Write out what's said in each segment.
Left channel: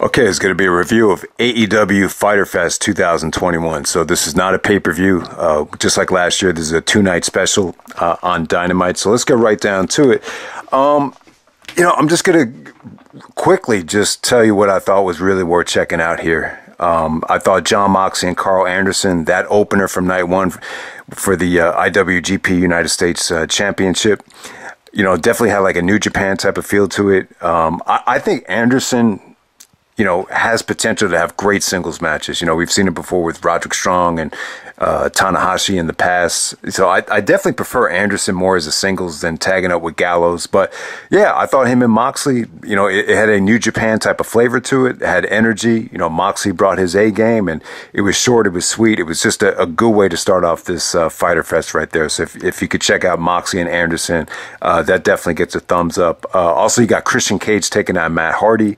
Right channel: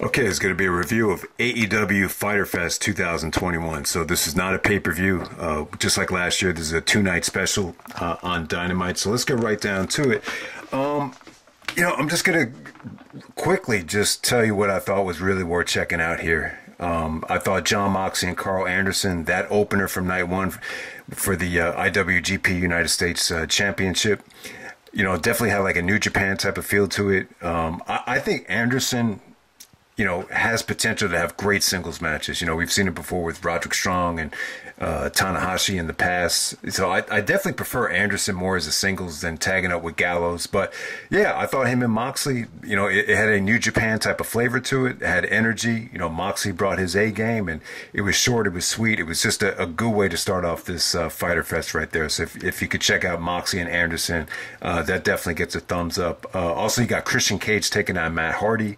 Okay, it's going to be a review of AEW Fyter Fest 2021. So this is not a pay-per-view. Just like last year, this is a two-night special on Dynamite. So let's get right down to it. I'm just going to quickly just tell you what I thought was really worth checking out here. I thought John Moxley and Karl Anderson, that opener from night one for the IWGP United States Championship, definitely had like a New Japan type of feel to it. I think Anderson, has potential to have great singles matches. We've seen it before with Roderick Strong and Tanahashi in the past. So I definitely prefer Anderson more as a singles than tagging up with Gallows. But yeah, I thought him and Moxley, it had a New Japan type of flavor to it. It had energy. Moxley brought his A game, and it was short. It was sweet. It was just a good way to start off this Fyter Fest right there. So if you could check out Moxley and Anderson, that definitely gets a thumbs up. Also, you got Christian Cage taking on Matt Hardy.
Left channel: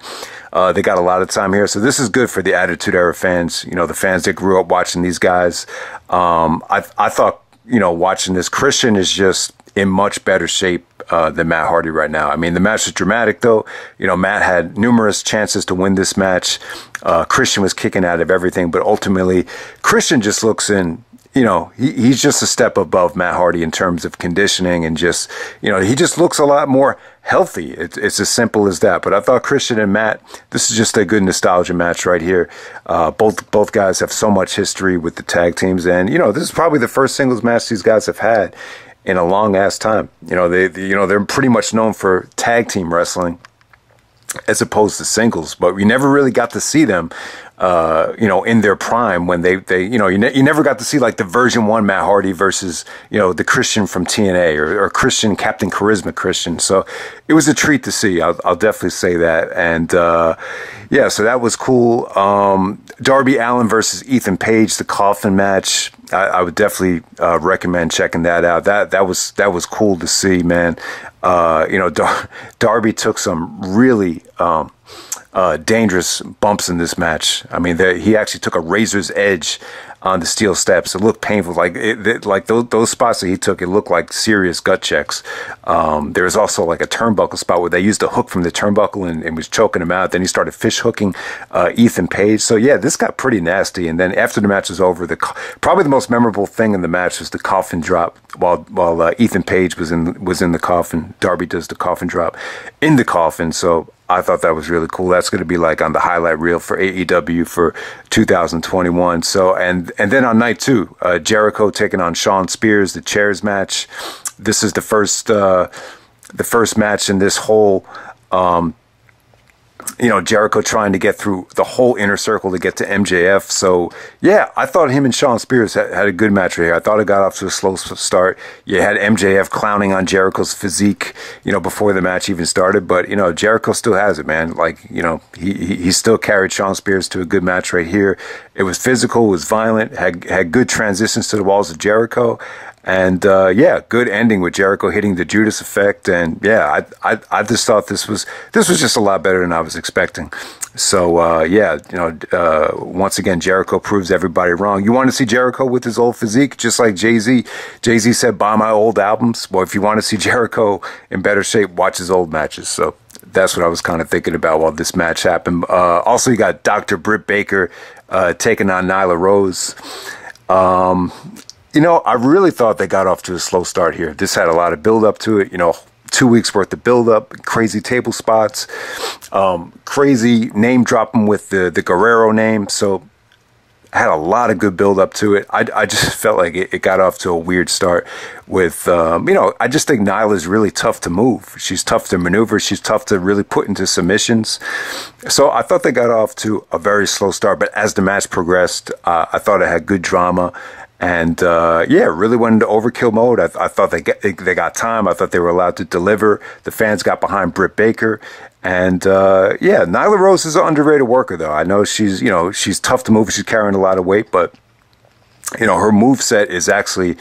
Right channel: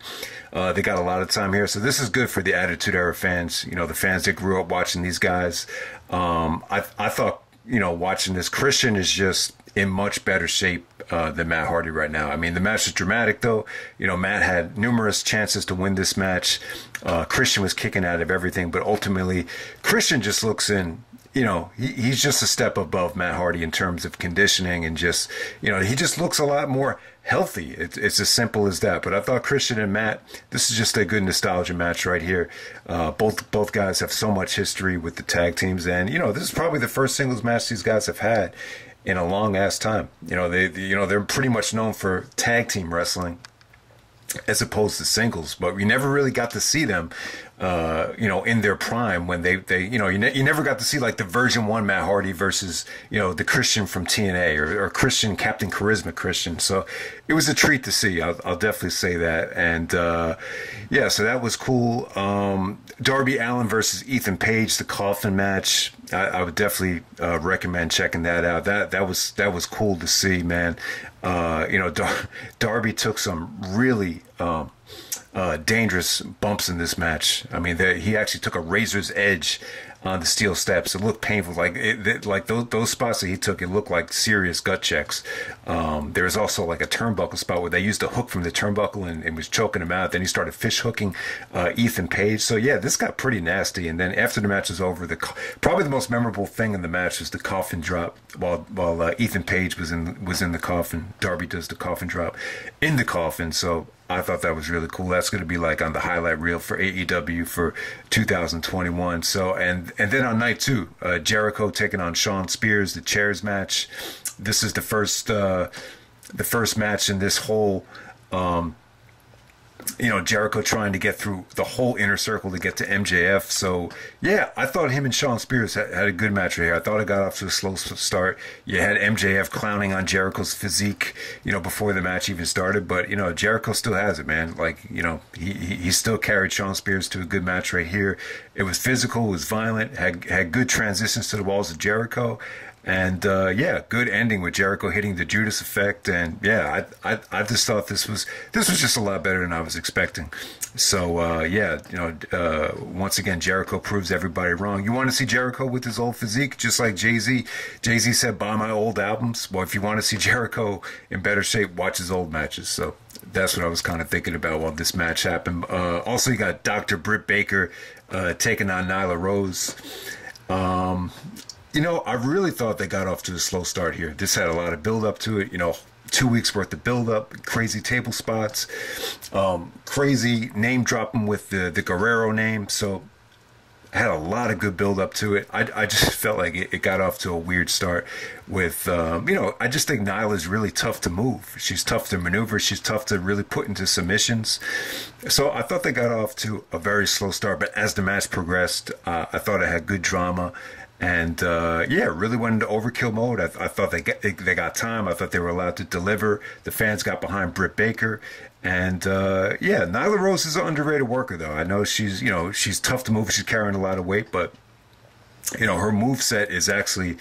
They got a lot of time here. So this is good for the Attitude Era fans, the fans that grew up watching these guys. I thought, watching this, Christian is just in much better shape than Matt Hardy right now. I mean, the match was dramatic, though. Matt had numerous chances to win this match. Christian was kicking out of everything, but ultimately, Christian just looks in. He's just a step above Matt Hardy in terms of conditioning, and just, he just looks a lot more healthy. It's as simple as that. But I thought Christian and Matt, this is just a good nostalgia match right here. Both guys have so much history with the tag teams, and this is probably the first singles match these guys have had in a long ass time. They're pretty much known for tag team wrestling as opposed to singles, but we never really got to see them in their prime when they you never got to see like the version 1 Matt Hardy versus, the Christian from TNA or Christian, Captain Charisma Christian. So it was a treat to see. I'll definitely say that. And, yeah, so that was cool. Darby Allin versus Ethan Page, the Coffin match. I would definitely, recommend checking that out. That was cool to see, man. Darby took some really, dangerous bumps in this match. I mean, he actually took a razor's edge on the steel steps. It looked painful. Like those spots that he took, it looked like serious gut checks. There was also like a turnbuckle spot where they used a hook from the turnbuckle and was choking him out. Then he started fish hooking Ethan Page. So yeah, this got pretty nasty. And then after the match was over, probably the most memorable thing in the match was the coffin drop while Ethan Page was in the coffin. Darby does the coffin drop in the coffin. So I thought that was really cool. That's going to be like on the highlight reel for AEW for 2021. So, and then on night 2, Jericho taking on Shawn Spears, the chairs match. This is the first match in this whole, Jericho trying to get through the whole inner circle to get to MJF. So, yeah, I thought him and Shawn Spears had a good match right here. I thought it got off to a slow start. You had MJF clowning on Jericho's physique, before the match even started. But, Jericho still has it, man. Like, he still carried Shawn Spears to a good match right here. It was physical, it was violent, had good transitions to the walls of Jericho. And, yeah, good ending with Jericho hitting the Judas effect. And yeah, I just thought this was just a lot better than I was expecting. So, yeah, once again, Jericho proves everybody wrong. You want to see Jericho with his old physique, just like Jay-Z. Jay-Z said, buy my old albums. Well, if you want to see Jericho in better shape, watch his old matches. So that's what I was kind of thinking about while this match happened. Also, you got Dr. Britt Baker, taking on Nyla Rose. I really thought they got off to a slow start here. This had a lot of build up to it, 2 weeks worth of build up, crazy table spots, crazy name dropping with the Guerrero name. So I had a lot of good build up to it. I just felt like it got off to a weird start with, I just think Nyla's really tough to move. She's tough to maneuver. She's tough to really put into submissions. So I thought they got off to a very slow start. But as the match progressed, I thought it had good drama. And, yeah, really went into overkill mode. I thought they got time. I thought they were allowed to deliver. The fans got behind Britt Baker. And, yeah, Nyla Rose is an underrated worker, though. I know she's tough to move. She's carrying a lot of weight. But, her moveset is actually,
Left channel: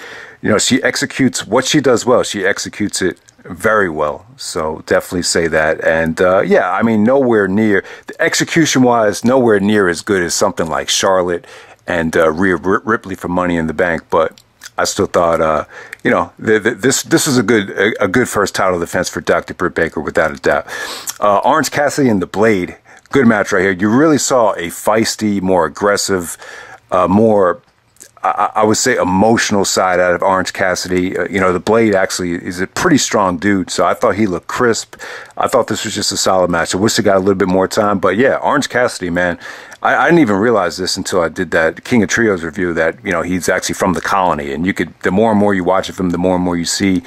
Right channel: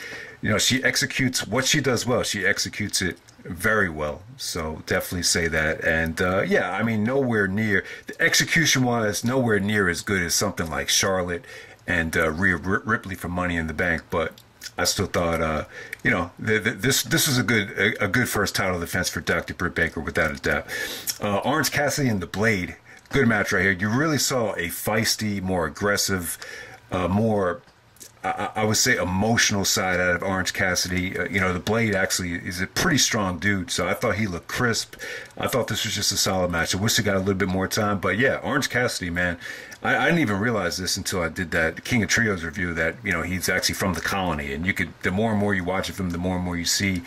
she executes what she does well. She executes it very well. So definitely say that. And, yeah, I mean, nowhere near, execution-wise, nowhere near as good as something like Charlotte and Rhea Ripley for Money in the Bank, but I still thought, this was a good first title defense for Dr. Britt Baker, without a doubt. Orange Cassidy and the Blade good match right here. You really saw a feisty, more aggressive, more, I would say, emotional side out of Orange Cassidy. You know, the Blade actually is a pretty strong dude, so I thought he looked crisp. I thought this was just a solid match. I wish they got a little bit more time, but yeah, Orange Cassidy, man. I didn't even realize this until I did that King of Trios review, that, you know, he's actually from the Colony, and you could, the more and more you watch it from, the more and more you see,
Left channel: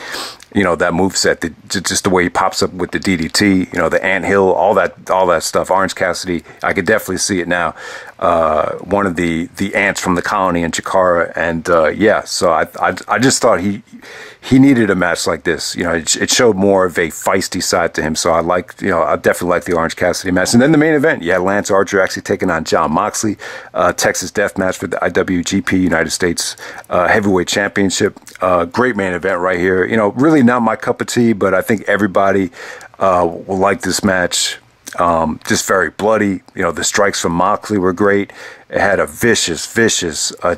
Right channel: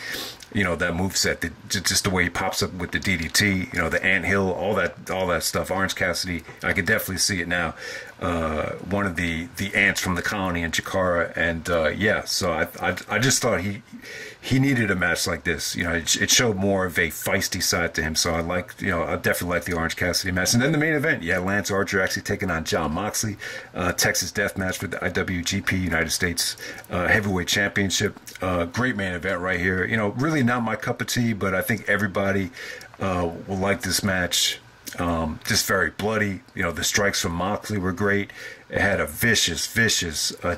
you know, that moveset, just the way he pops up with the DDT, you know, the anthill, all that stuff. Orange Cassidy, I could definitely see it now. One of the ants from the Colony in Chikara, and yeah, so I just thought he needed a match like this. You know, it showed more of a feisty side to him. So I liked, you know, I definitely liked the Orange Cassidy match. And then the main event, you had Lance Archer actually taking on Jon Moxley, Texas Death Match for the IWGP United States Heavyweight Championship. Great main event right here. You know, really not my cup of tea, but I think everybody will like this match. Just very bloody. You know, the strikes from Moxley were great. It had a vicious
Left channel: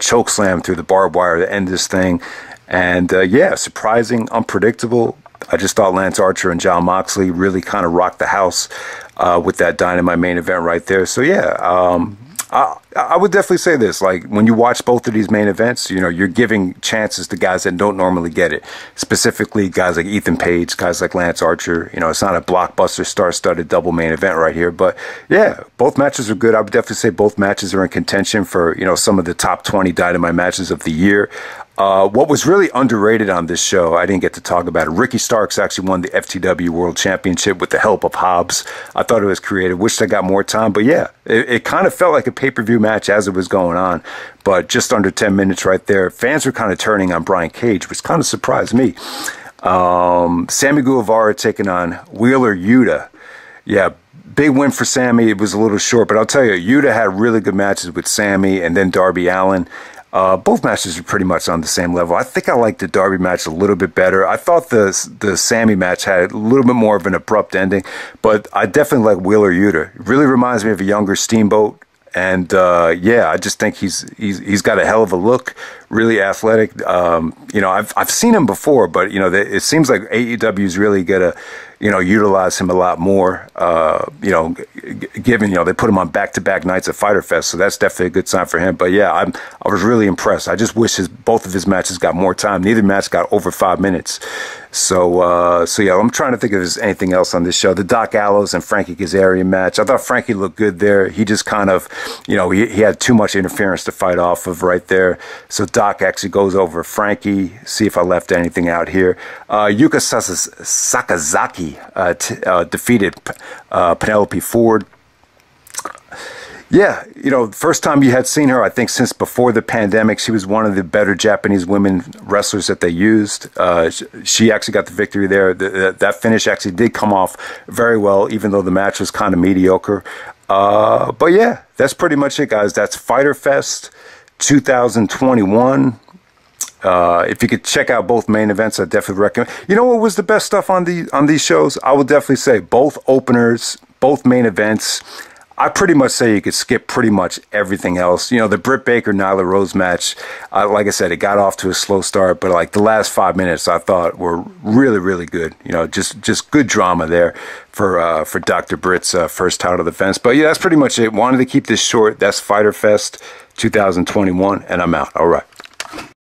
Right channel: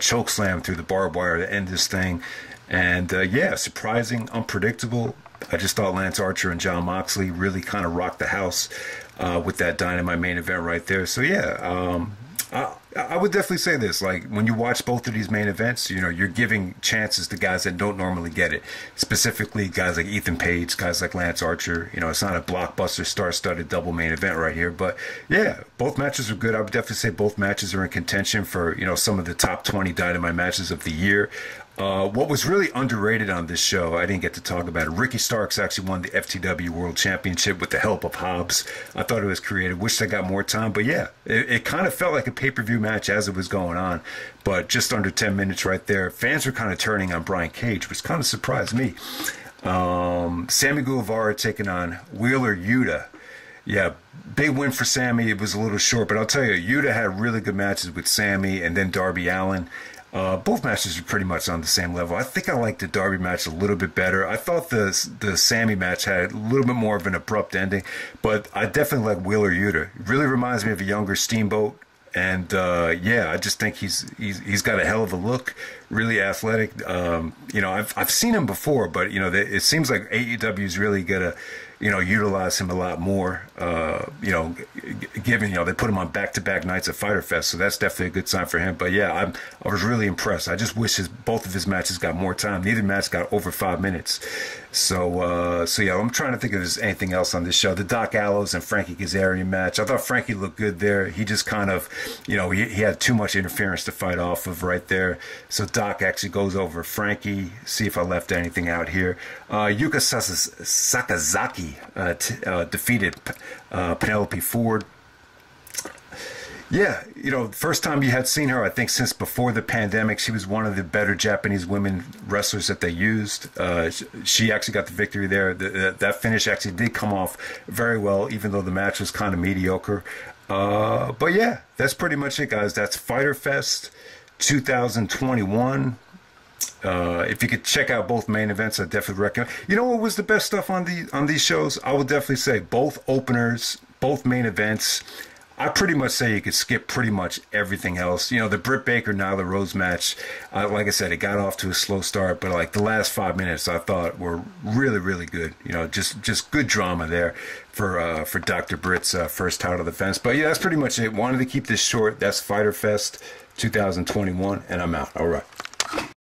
choke slam through the barbed wire to end this thing. And yeah, surprising, unpredictable. I just thought Lance Archer and Jon Moxley really kind of rocked the house with that Dynamite main event right there. So yeah, I would definitely say this. Like, when you watch both of these main events, you know, you're giving chances to guys that don't normally get it. Specifically, guys like Ethan Page, guys like Lance Archer. You know, it's not a blockbuster, star-studded double main event right here. But yeah, both matches are good. I would definitely say both matches are in contention for, you know, some of the top 20 Dynamite matches of the year. What was really underrated on this show, I didn't get to talk about it. Ricky Starks actually won the FTW World Championship with the help of Hobbs. I thought it was creative. Wish I got more time, but yeah, it kind of felt like a pay-per-view match as it was going on, but just under 10 minutes right there. Fans were kind of turning on Brian Cage, which kind of surprised me. Sammy Guevara taking on Wheeler Yuta. Yeah, big win for Sammy. It was a little short, but I'll tell you, Yuta had really good matches with Sammy and then Darby Allin. Both matches are pretty much on the same level. I think I liked the Darby match a little bit better. I thought the Sammy match had a little bit more of an abrupt ending, but I definitely like Wheeler Yuta. It really reminds me of a younger Steamboat, and yeah, I just think he's got a hell of a look, really athletic. You know, I've seen him before, but you know, it seems like AEW's really gonna, you know, utilize him a lot more. You know, given, you know, they put him on back-to-back nights at Fyter Fest, so that's definitely a good sign for him. But yeah, I was really impressed. I just wish both of his matches got more time. Neither match got over 5 minutes. So yeah, I'm trying to think if there's anything else on this show. The Doc Gallows and Frankie Kazarian match, I thought Frankie looked good there. He just kind of, you know, he had too much interference to fight off of right there. So Doc actually goes over Frankie. See if I left anything out here. Yuka Sakazaki defeated Penelope Ford. Yeah, you know, first time you had seen her, I think, since before the pandemic. She was one of the better Japanese women wrestlers that they used. She actually got the victory there. That finish actually did come off very well, even though the match was kind of mediocre. But yeah, that's pretty much it, guys. That's Fyter Fest 2021. If you could check out both main events, I definitely recommend. You know what was the best stuff on these shows? I would definitely say both openers, both main events. I pretty much say you could skip pretty much everything else. You know, the Britt Baker Nyla Rose match, like I said, it got off to a slow start, but like the last 5 minutes I thought were really, really good. You know, just good drama there for Dr. Britt's first title defense. But yeah, that's pretty much it. Wanted to keep this short. That's Fyter Fest 2021, and I'm out. All right.